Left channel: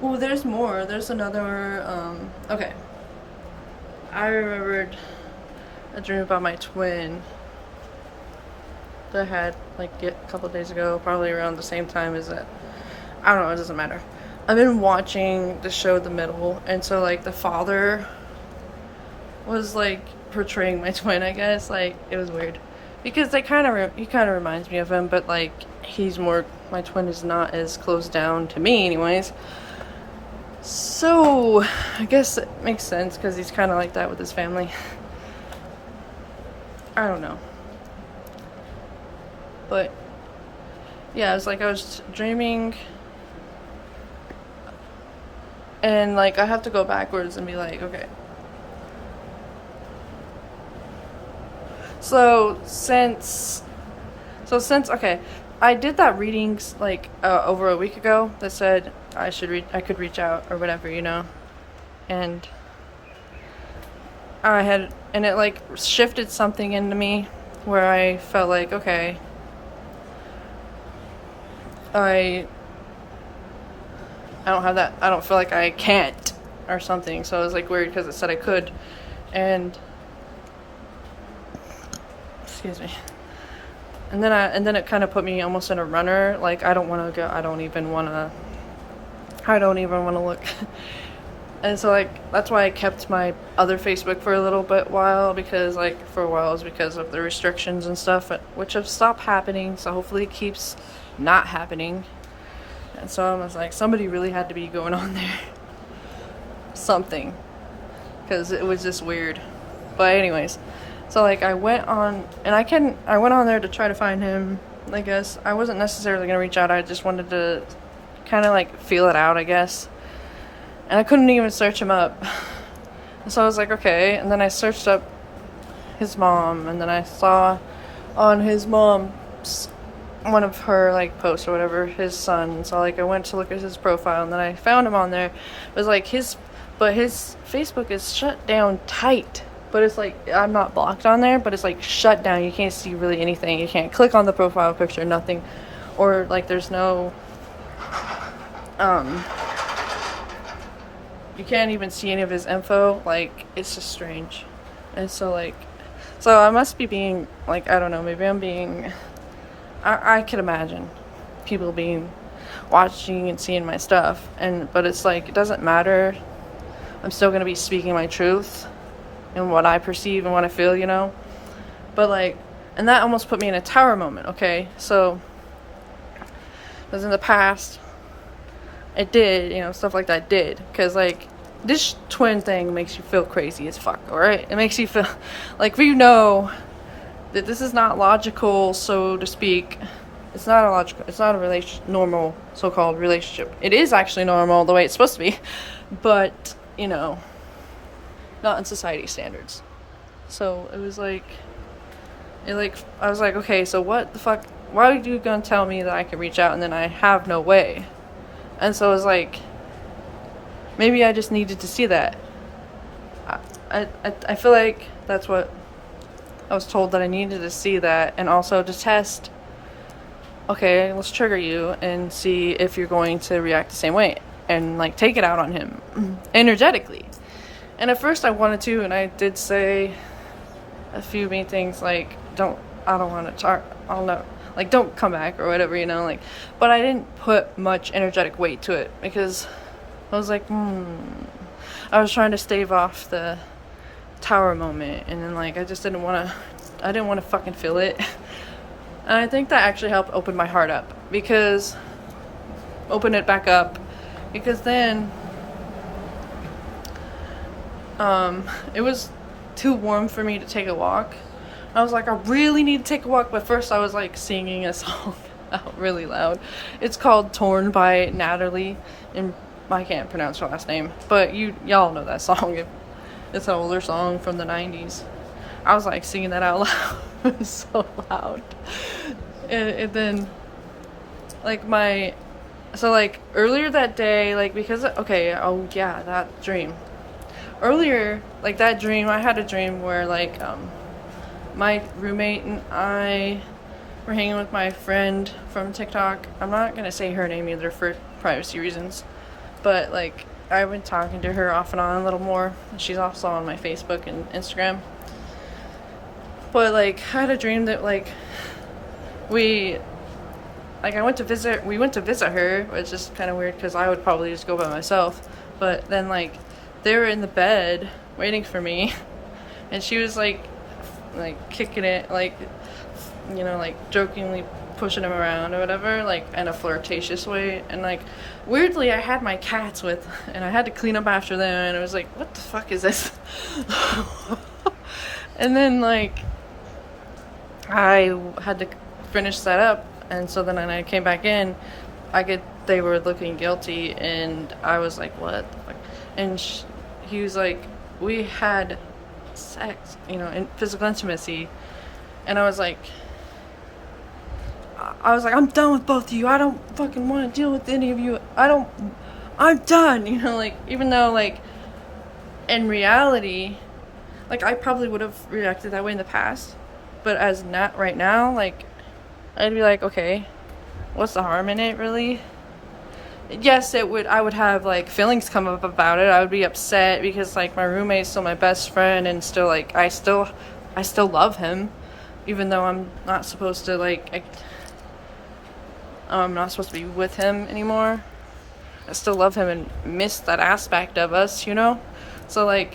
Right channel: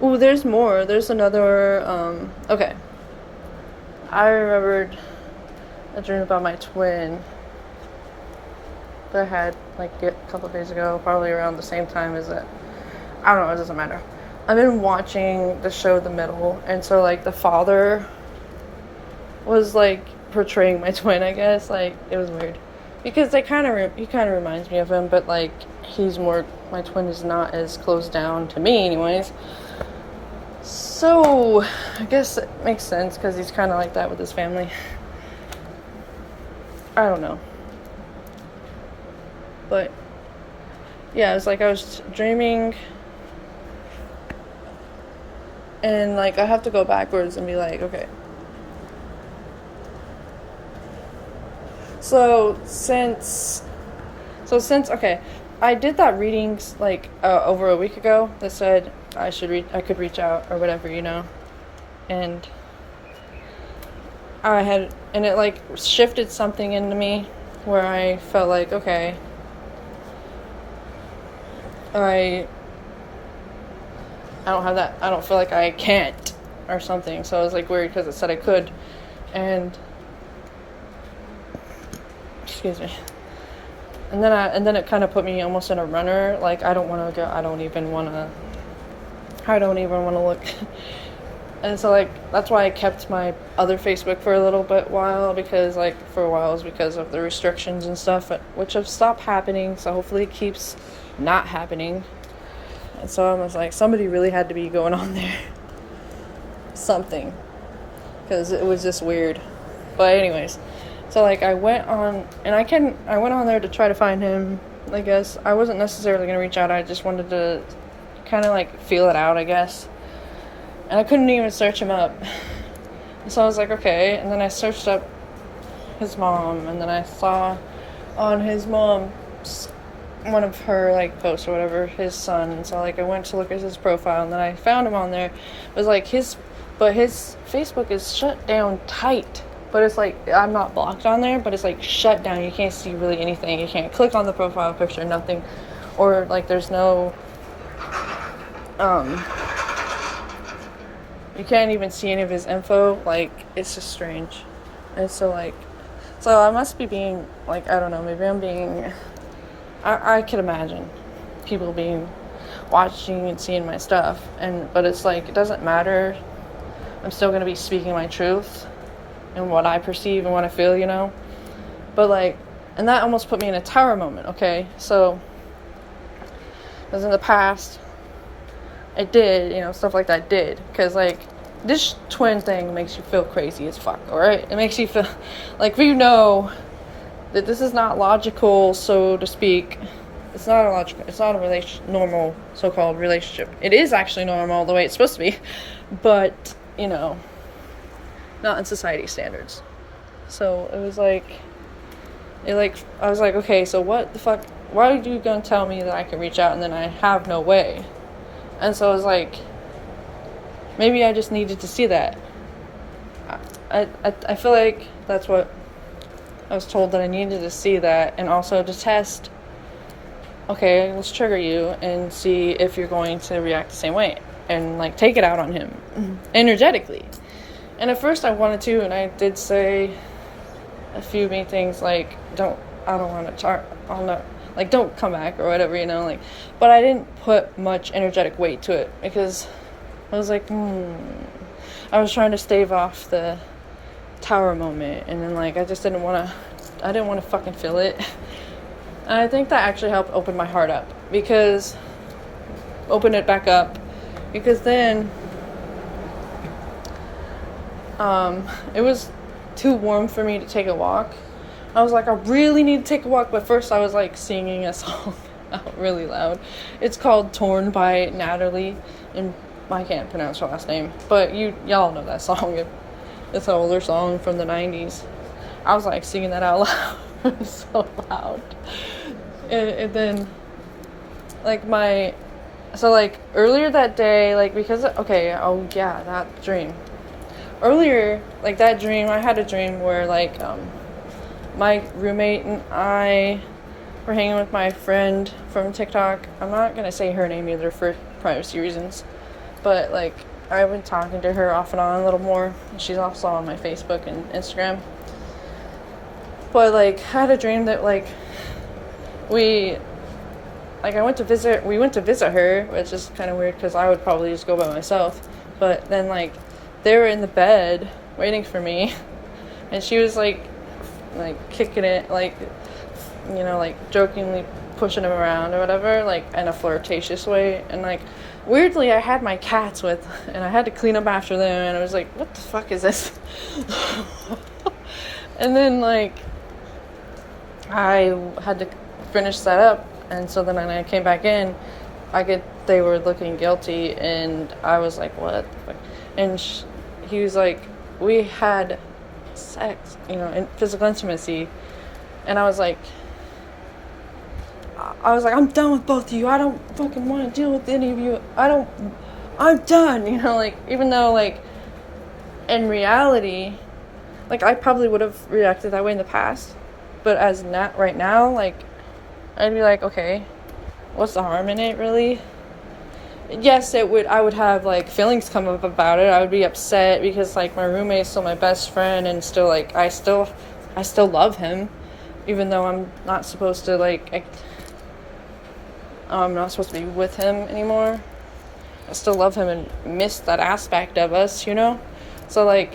Oh, there's more. There's another, okay. I remembered a dream about my twin that I had, like, a couple days ago, probably around the same time as it. I don't know, it doesn't matter. I've been watching the show The Middle, and so, like, the father was, like, portraying my twin, I guess. Like, it was weird. Because he kind of reminds me of him, but, like, my twin is not as closed down to me, anyways. So, I guess it makes sense because he's kind of like that with his family. I don't know. But, yeah, it was like I was dreaming, and, like, I have to go backwards and be like, okay. Okay, I did that readings, like, over a week ago that said I could reach out or whatever, and and it, like, shifted something into me where I felt like, okay, I don't have that, I don't feel like I can't or something, so it was, like, weird because it said I could, and excuse me. And then it kind of put me almost in a runner. Like, I don't want to go. I don't even want to look. And so, like, that's why I kept my other Facebook for a little bit while, because, like, for a while it was because of the restrictions and stuff, which have stopped happening. So hopefully it keeps not happening. And so I was like, somebody really had to be going on there. Something. Because it was just weird. But anyways. So, like, I went on there to try to find him, I guess. I wasn't necessarily going to reach out. I just wanted to kind of, like, feel it out, I guess. And I couldn't even search him up. So I was like, okay. And then I searched up his mom. And then I saw on his mom's, one of her, like, posts or whatever, his son. And so, like, I went to look at his profile. And then I found him on there. It was like his Facebook is shut down tight. But it's like, I'm not blocked on there, but it's like shut down. You can't see really anything. You can't click on the profile picture, nothing. Or, like, there's no, you can't even see any of his info. Like, it's just strange. And so, like, so I must be being, like, I don't know, maybe I'm being, I could imagine people watching and seeing my stuff. But it's like, it doesn't matter. I'm still going to be speaking my truth. And what I perceive and what I feel, But, like, and that almost put me in a tower moment, okay? So, because in the past, it did, stuff like that did. Because, like, this twin thing makes you feel crazy as fuck, alright? It makes you feel, like, we know that this is not logical, so to speak. It's not a normal so-called relationship. It is actually normal the way it's supposed to be. But, not in society standards. So it was like, I was like, okay, so what the fuck, why are you gonna tell me that I can reach out and then I have no way? And so it was like, maybe I just needed to see that. I feel like that's what I was told, that I needed to see that, and also to test, okay, let's trigger you and see if you're going to react the same way and, like, take it out on him energetically. And at first I wanted to, and I did say a few mean things, like, I don't want to talk, like, don't come back or whatever, like, but I didn't put much energetic weight to it, because I was like, I was trying to stave off the tower moment, and then, like, I didn't want to fucking feel it. And I think that actually helped open my heart up, open it back up, because then, it was too warm for me to take a walk. I was like, I really need to take a walk, but first I was, like, singing a song out really loud. It's called Torn by Natalie, and I can't pronounce her last name, but y'all know that song. It's an older song from the 90s. I was, like, singing that out loud. It was so loud. And then, like, earlier that day, like, because, okay, oh yeah, that dream. Earlier, like, that dream, I had a dream where, like, my roommate and I were hanging with my friend from TikTok. I'm not gonna say her name either for privacy reasons. but like I've been talking to her off and on a little more. She's also on my Facebook and Instagram. But like I had a dream that like we went to visit her, which is kind of weird because I would probably just go by myself. But then like they were in the bed waiting for me, and she was like kicking it, like, you know, like jokingly pushing him around or whatever, like in a flirtatious way. And like weirdly I had my cats with, and I had to clean up after them, and I was like, what the fuck is this? And then like I had to finish that up, and so then when I came back in, they were looking guilty, and I was like, what the fuck? And he was like, we had sex, you know, in physical intimacy. And I was like, I'm done with both of you. I don't fucking want to deal with any of you. I'm done, you know, like, even though, like, in reality, like, I probably would have reacted that way in the past, but as not right now, like, I'd be like, okay, what's the harm in it, really? Yes, I would have, like, feelings come up about it. I would be upset because, like, my roommate's still my best friend, and still, like, I still love him, even though I'm not supposed to, like, I'm not supposed to be with him anymore. I still love him and miss that aspect of us, you know? So, like,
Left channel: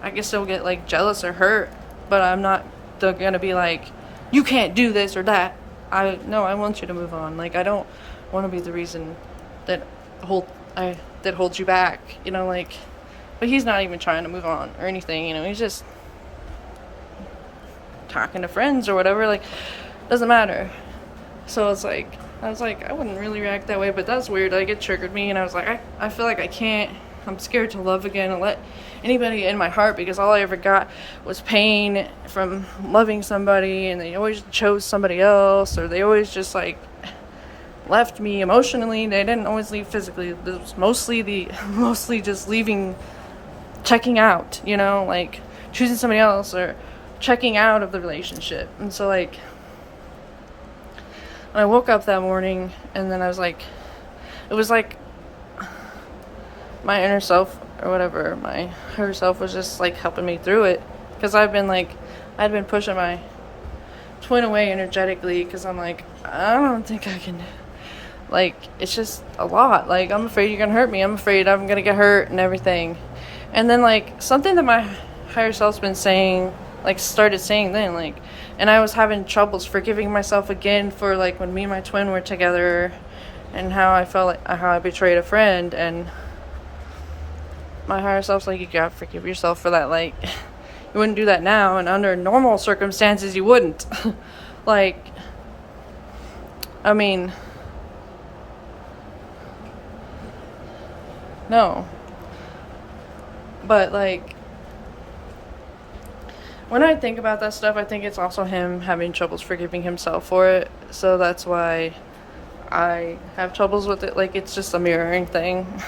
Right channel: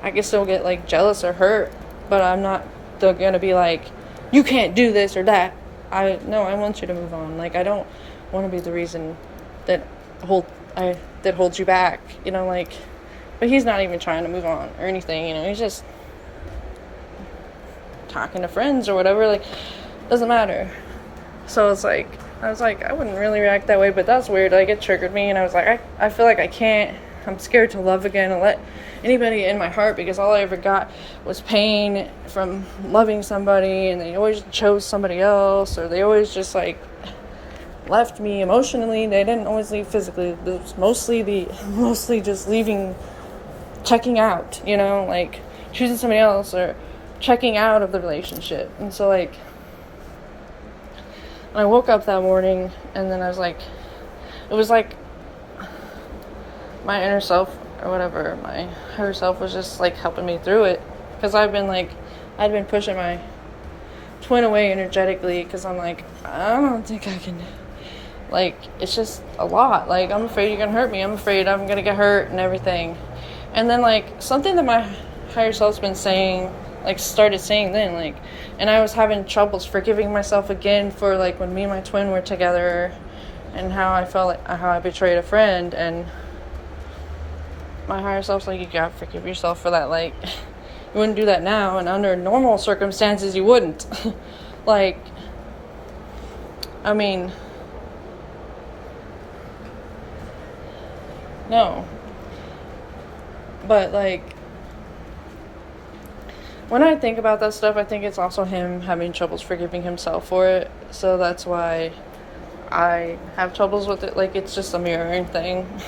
I can still get, like, jealous or hurt, but I'm not gonna be like, you can't do this or that. I want you to move on. Like, I don't want to be the reason that holds you back, you know, like, but he's not even trying to move on or anything, you know, he's just talking to friends or whatever, like, doesn't matter. So it's like, I was like, I wouldn't really react that way, but that's weird. Like, it triggered me, and I was like, I feel like I'm scared to love again and let anybody in my heart, because all I ever got was pain from loving somebody, and they always chose somebody else, or they always just, like, left me emotionally. They didn't always leave physically. It was mostly just leaving, checking out, you know, like, choosing somebody else or checking out of the relationship. And so, like, I woke up that morning, and then I was like, it was like my inner self, or whatever, my higher self was just, like, helping me through it, because I'd been pushing my twin away energetically, because I'm like, I don't think I can, like, it's just a lot, like, I'm afraid you're gonna hurt me, I'm afraid I'm gonna get hurt and everything. And then, like, something that my higher self's been saying, like, started saying then, like, and I was having troubles forgiving myself again for, like, when me and my twin were together, and how I felt like, how I betrayed a friend. And my higher self's like, you gotta forgive yourself for that. Like, you wouldn't do that now, and under normal circumstances you wouldn't. Like, I mean, no. But, like, when I think about that stuff, I think it's also him having troubles forgiving himself for it. So that's why I have troubles with it. Like, it's just a mirroring thing.